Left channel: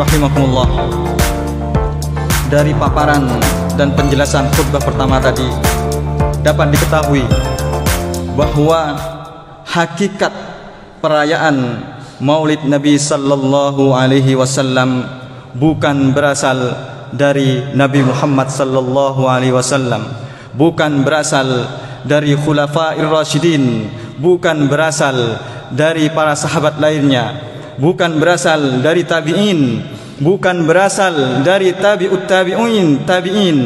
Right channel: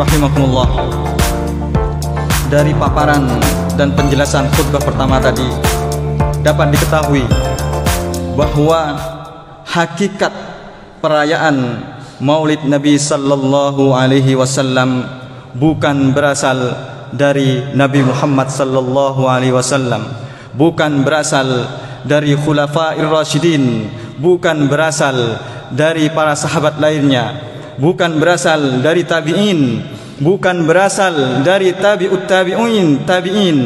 rahimakumullah, dari paparan dan penjelasan khutbah pertama tadi dapat diketahui bahwa hakikat perayaan Maulid Nabi sallallahu alaihi wasallam bukan berasal dari Nabi Muhammad sallallahu alaihi wasallam, bukan berasal dari Khulafair Rasyidin, bukan berasal dari para sahabat lainnya, bukan berasal dari tabi'in, bukan berasal dari tabi'ut tabi'in,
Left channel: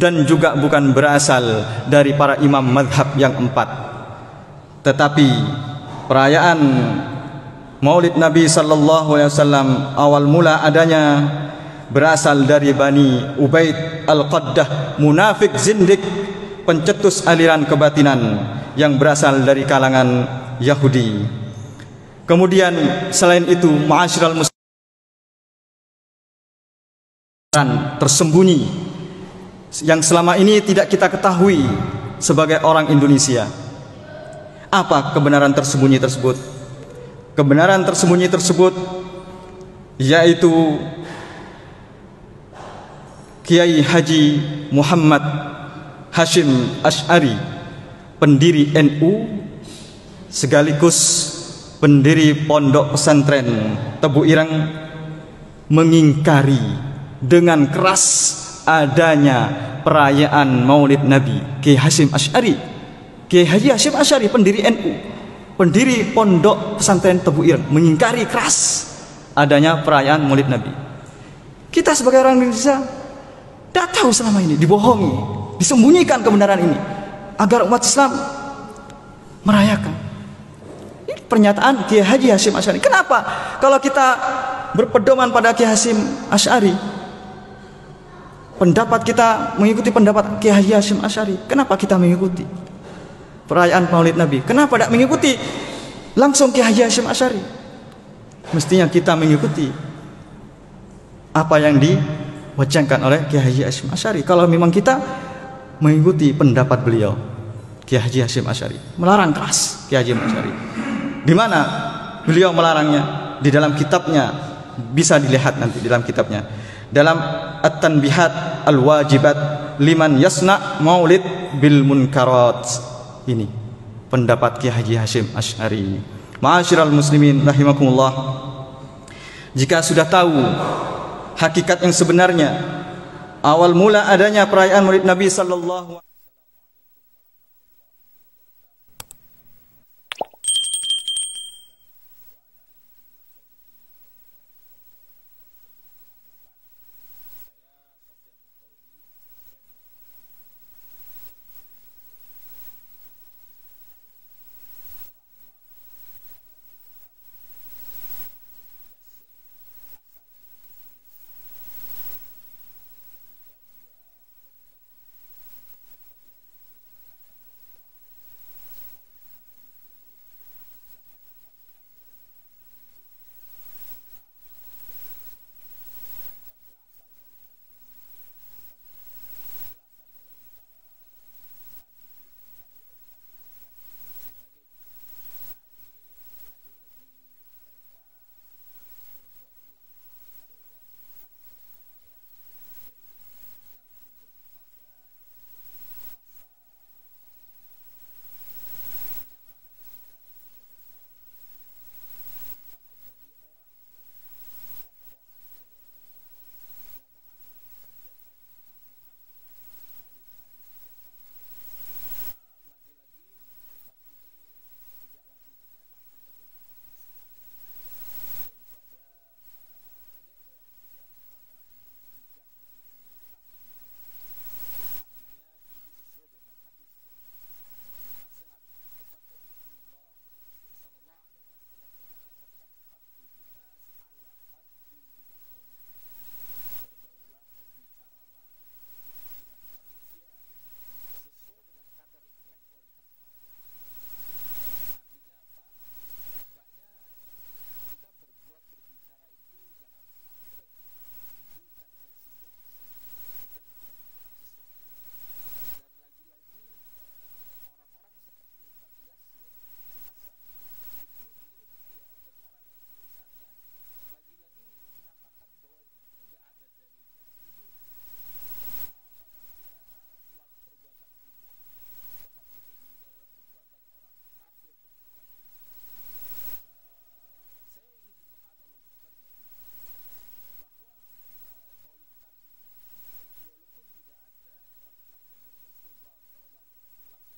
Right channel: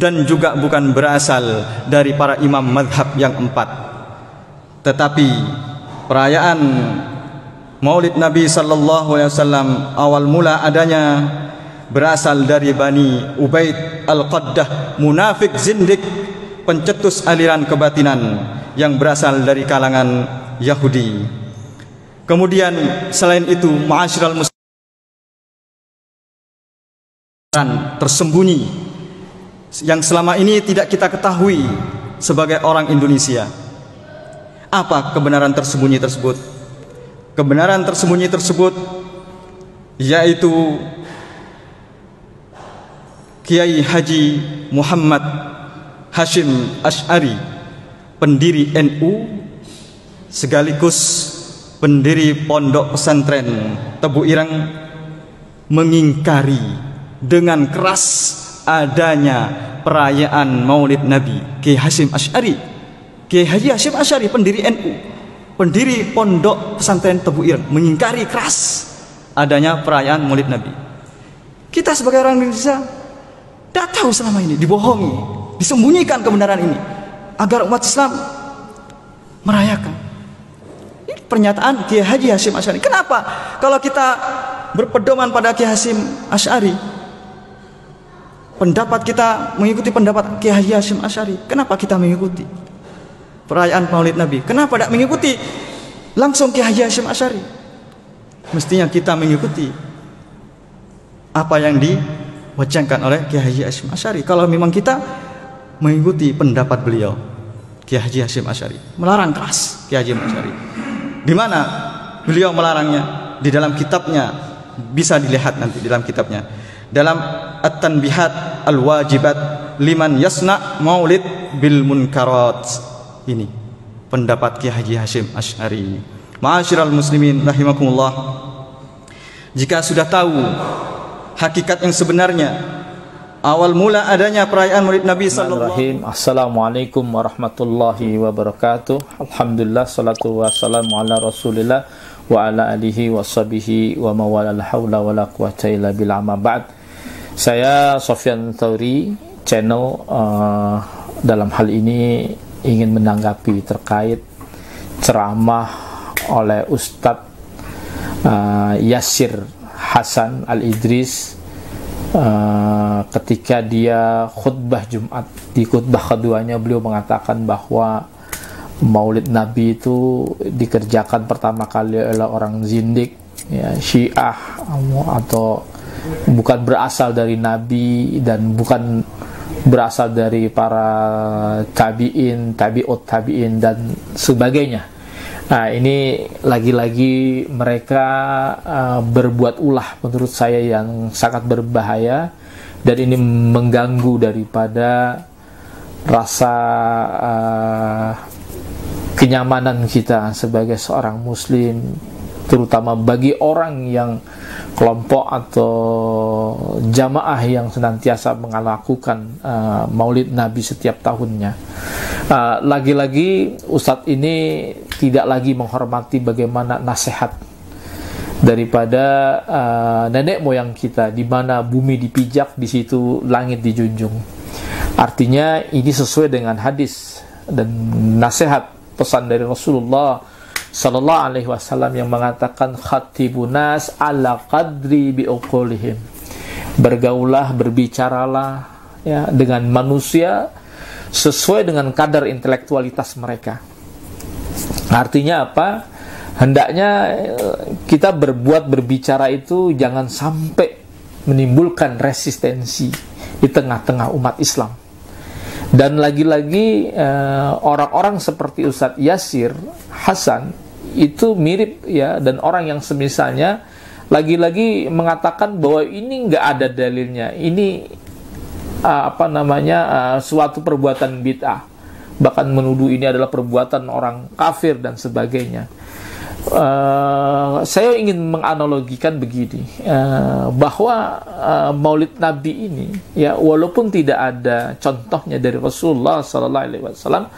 dan juga bukan berasal dari para imam madhab yang empat. Tetapi perayaan Maulid Nabi sallallahu alaihi wasallam awal mula adanya berasal dari Bani Ubaid Al-Qaddah, munafik zindik, pencetus aliran kebatinan yang berasal dari kalangan Yahudi. Kemudian selain itu, ma'asyiral muslimin, tersembunyi yang selama ini tidak kita ketahui sebagai orang Indonesia. Apa kebenaran tersembunyi tersebut? Kebenaran tersembunyi tersebut yaitu Kiai Haji Muhammad Hashim Asy'ari, pendiri NU sekaligus pendiri Pondok Pesantren Tebu Ireng, mengingkari dengan keras adanya perayaan Maulid Nabi. Kiai Hashim Asy'ari, Kiai Haji Hashim Asy'ari, pendiri NU, pendiri Pondok Pesantren Tebu Ireng, mengingkari keras adanya perayaan Maulid Nabi. Kita sebagai orang Indonesia tidak tahu selama ini, dibohongi, disembunyikan kebenaran ini agar umat Islam merayakan. Ini pernyataan Kiai Haji Hashim Asy'ari. Kenapa kalau kita berpedoman pada Kiai Hashim Asy'ari, pendapat kita mengikuti pendapat Kiai Haji Hashim Asy'ari, kenapa kita mengikuti perayaan Maulid Nabi? Kenapa tidak mengikuti langsung Kiai Haji Hashim Asy'ari? Mestinya kita mengikuti apa yang diwacangkan oleh Kiai Haji Hashim Asy'ari. Kalau memang kita mengikuti pendapat beliau, Kiai Haji Hashim Asy'ari melarang keras Kiai Haji Asy'ari. Di mana beliau melarangnya? Di dalam kitabnya, bisa dilihat nanti di dalam kitabnya, dalam At-Tanbihat Al-Wajibat Liman Yasna Maulid Bil Munkarat. Ini pendapat Kiai Haji Hashim Asy'ari. Ma'asyiral muslimin rahimakumullah, jika sudah tahu hakikat yang sebenarnya, awal mula adanya perayaan Maulid Nabi sallallahu alaihi wasallam. Assalamualaikum warahmatullahi wabarakatuh. Alhamdulillah, salatu wassalamu ala Rasulillah wa ala alihi wa sahbihi wa mawala, la haula wala quwata illa billah, amma ba'd. Saya Sofyan Thauri, channel dalam hal ini ingin menanggapi terkait ceramah oleh Ustadz Yasir Hasan Al-Idris ketika dia khutbah Jumat. Di khutbah keduanya beliau mengatakan bahwa Maulid Nabi itu dikerjakan pertama kali oleh orang zindik, ya, Syiah, atau bukan berasal dari Nabi dan bukan berasal dari para tabi'in, tabi'ut tabi'in dan sebagainya. Nah, ini lagi-lagi mereka berbuat ulah menurut saya yang sangat berbahaya, dan ini mengganggu daripada rasa kenyamanan kita sebagai seorang muslim, terutama bagi orang yang kelompok atau jamaah yang senantiasa melakukan Maulid Nabi setiap tahunnya. Lagi-lagi Ustadz ini tidak lagi menghormati bagaimana nasihat daripada nenek moyang kita, di mana bumi dipijak, di situ langit dijunjung. Artinya ini sesuai dengan hadis dan nasihat pesan dari Rasulullah Sallallahu Alaihi Wasallam yang mengatakan, khatibunas ala qadri biuqulihim, bergaulah, berbicaralah, ya, dengan manusia sesuai dengan kadar intelektualitas mereka. Artinya apa? Hendaknya kita berbicara itu jangan sampai menimbulkan resistensi di tengah-tengah umat Islam. Dan lagi-lagi orang-orang seperti Ustadz Yasir Hasan itu mirip, ya, dan orang yang semisalnya lagi-lagi mengatakan bahwa ini nggak ada dalilnya, ini suatu perbuatan bid'ah, bahkan menuduh ini adalah perbuatan orang kafir dan sebagainya. Saya ingin menganalogikan begini, bahwa Maulid Nabi ini, ya, walaupun tidak ada contohnya dari Rasulullah SAW,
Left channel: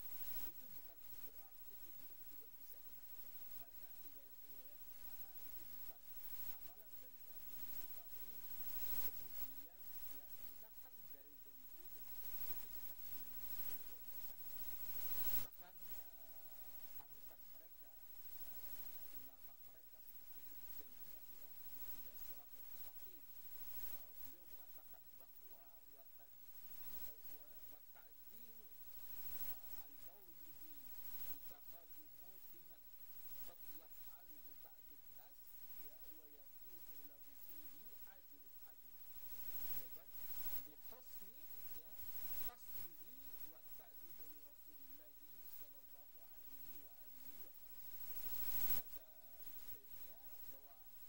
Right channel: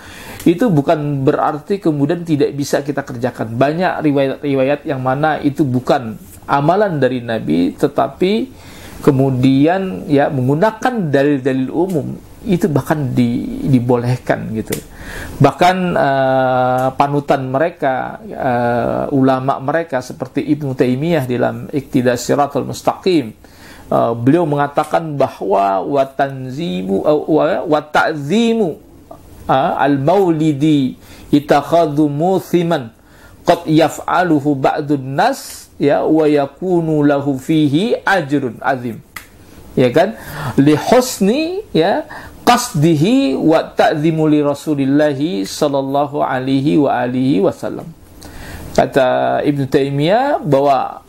itu bukan berarti kemudian tidak bisa kita kerjakan. Banyak riwayat-riwayat yang mana itu bukan amalan dari Nabi, tetapi kemudian ya menggunakan dalil-dalil umum, itu bahkan dibolehkan gitu. Bahkan panutan mereka, ulama mereka seperti Ibnu Taimiyah dalam Iqtidas Shiratal Mustaqim, beliau mengatakan bahwa wa ta'zimu al-maulidi itakhadhu muthiman qad yaf'aluhu ba'dun nas, ya, wa yakunu lahu fihi ajrun azim, ya kan, li husni, ya, qasdihi wa ta'zimu li Rasulillahi sallallahu alaihi wa alihi wasallam. Kata Ibnu Taimiyah bahwa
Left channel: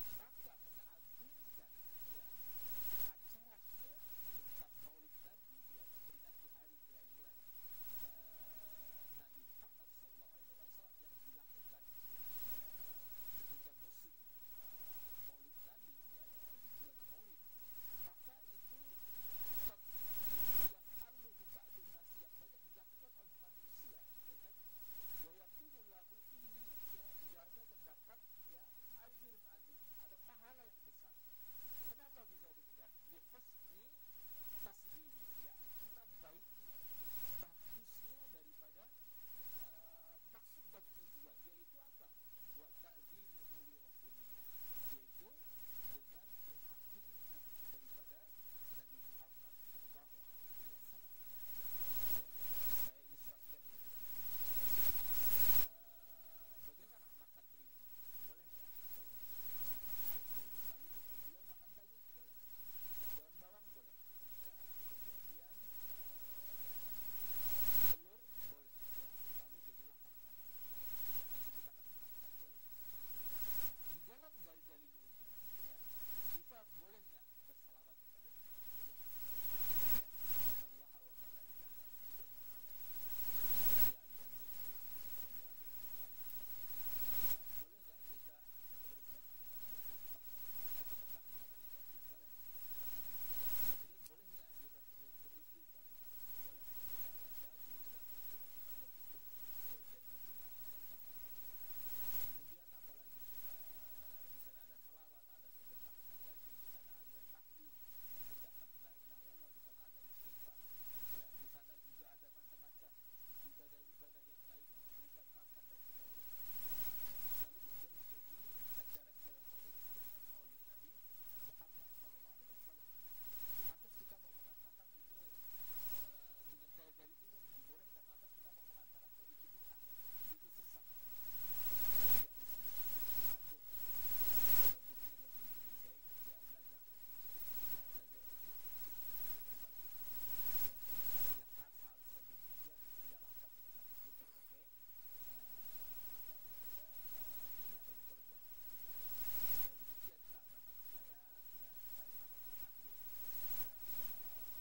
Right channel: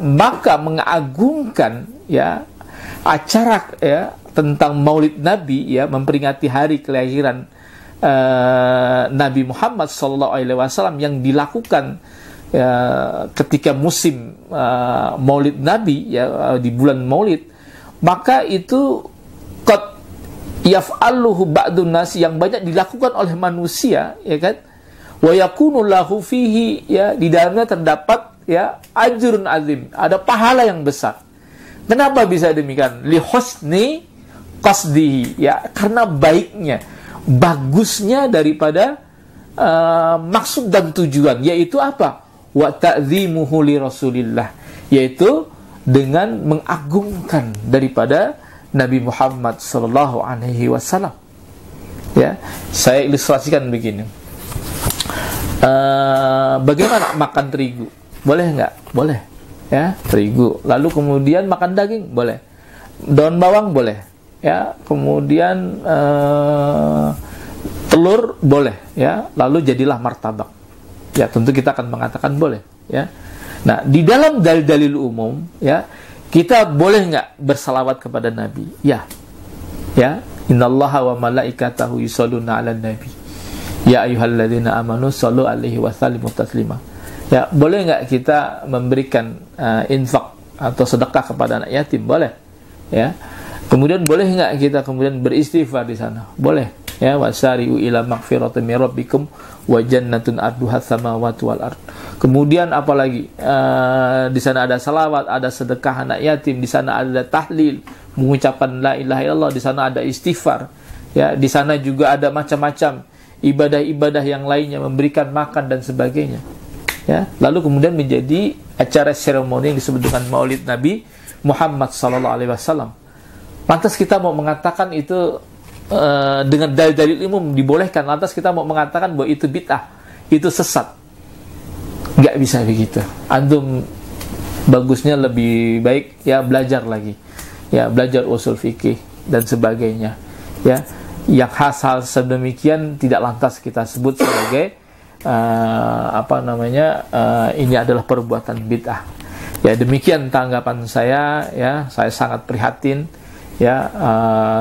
maka mengagungkan, ya, acara, ya, tentang Maulid Nabi, ya, memperingati hari kelahiran Nabi Muhammad sallallahu alaihi wasallam yang dilakukan ketika musim Maulid Nabi, ya, di bulan Maulid, maka itu qad yaf'aluhu ba'dun nas, yang banyak dilakukan oleh manusia, ya kan, wa yakunu lahu fihi, ya, di dalamnya terdapat, ya, ajrun azim, ada pahala yang besar. Kenapa bisa demikian? Li husni qasdihi, ya, karena baiknya, bagusnya daripada maksud dan tujuan, yaitu apa? Wa ta'zimuhu li Rasulillah, yaitu dengan mengagungkan daripada Nabi Muhammad sallallahu alaihi wasallam. Ya, saya ilustrasikan begini. Bagaimana makan terigu? Boleh nggak? Boleh. Ya, terigu. Lalu kemudian makan daging? Boleh. Daun bawang? Boleh. Ya, kemudian telur? Boleh. Ya, lalu jadilah martabak. Ya, tentu kita akan mengatakan boleh. Ya. Nah, di dalam dalil-dalil umum, ya, kita boleh nggak bersalawat kepada Nabi? Ya, ya. Innallaha wa malaikatahu yusholluna 'alan nabi. Ya ayyuhalladzina amanu shollu 'alaihi wa sallimu taslima. Ya, boleh nggak kita memberikan infak atau sedekah kepada anak yatim? Boleh. Ya. Kemudian boleh nggak kita kemudian beristighfar di sana? Boleh. Ya, wasari'u ila magfiratin min rabbikum wa jannatun arduha samawati wal ard. Kemudian apalagi? Di sana ada salawat, ada sedekah anak yatim, di sana ada tahlil, mengucapkan la ilaha illallah, di sana ada istighfar. Ya, di sana juga ada macam-macam ibadah-ibadah yang lainnya, memberikan makan dan sebagainya. Ya, lalu kemudian menjadi acara seremoni yang disebut dengan Maulid Nabi Muhammad sallallahu alaihi wasallam. Lantas kita mau mengatakan itu dengan dalil-dalil umum dibolehkan, lantas kita mau mengatakan bahwa itu bid'ah, itu sesat. Nggak bisa begitu. Antum bagusnya lebih baik, ya, belajar lagi, ya, belajar usul fikih dan sebagainya, ya, yang hal sedemikian tidak lantas kita sebut sebagai ini adalah perbuatan bid'ah. Ya, demikian tanggapan saya. Ya, saya sangat prihatin. Ya,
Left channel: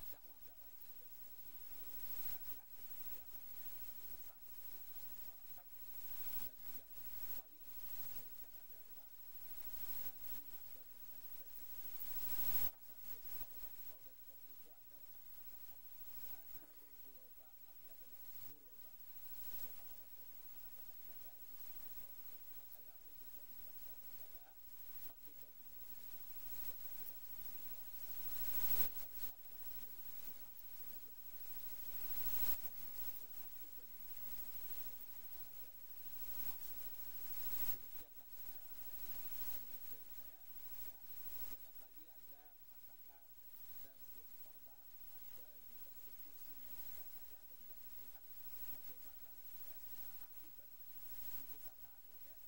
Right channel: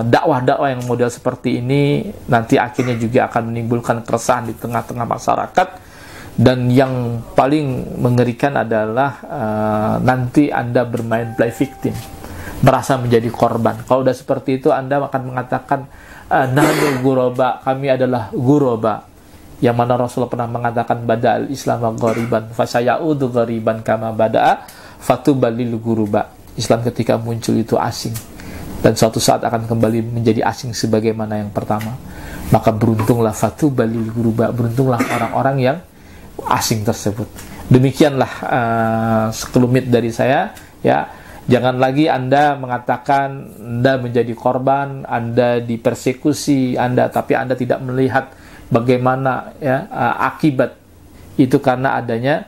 dakwah-dakwah yang model seperti ini nanti akhirnya juga akan menimbulkan keresahan di tengah-tengah masyarakat, dan yang paling mengerikan adalah nanti Anda bermain play victim, merasa menjadi korban. Kalau udah seperti itu, Anda akan mengatakan nahnu ghuraba, kami adalah ghuraba, yang mana Rasulullah pernah mengatakan bada'al Islam ghariban fasayaudu ghariban kama bada'a fatubalil ghuruba. Islam ketika muncul itu asing, dan suatu saat akan kembali menjadi asing sebagaimana yang pertama. Maka beruntunglah fatubalil ghuruba, beruntunglah orang-orang yang asing tersebut. Demikianlah sekelumit dari saya. Ya, jangan lagi Anda mengatakan Anda menjadi korban, Anda dipersekusi, tapi Anda tidak melihat bagaimana, ya, akibat itu karena adanya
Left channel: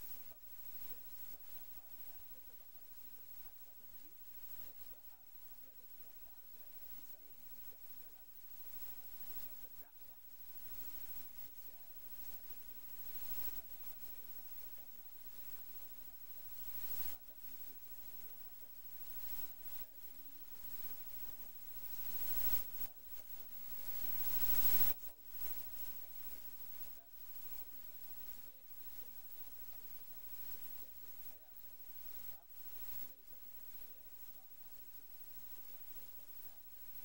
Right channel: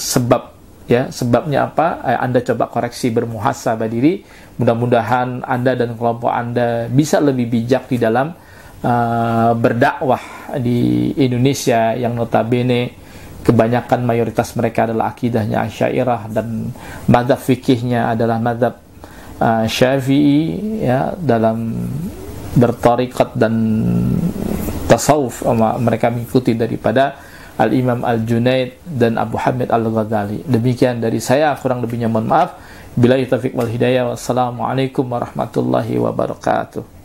sebab. Ya, sebabnya apa? Anda coba koreksi, bermuhasabah diri. Mudah-mudahan Anda dan kelompok Anda bisa lebih bijak di dalam berdakwah di Indonesia yang notabene kebanyakan mayoritas mereka adalah akidahnya Asy'ariyah dan mazhab fikihnya adalah mazhab Syafi'i, ya, dalam bertariqat dan tasawuf mereka mengikuti daripada Al-Imam Al-Junaid dan Abu Hamid Al-Ghazali. Demikian dari saya, kurang lebihnya mohon maaf. Billahi taufiq wal hidayah. Wassalamualaikum warahmatullahi wabarakatuh.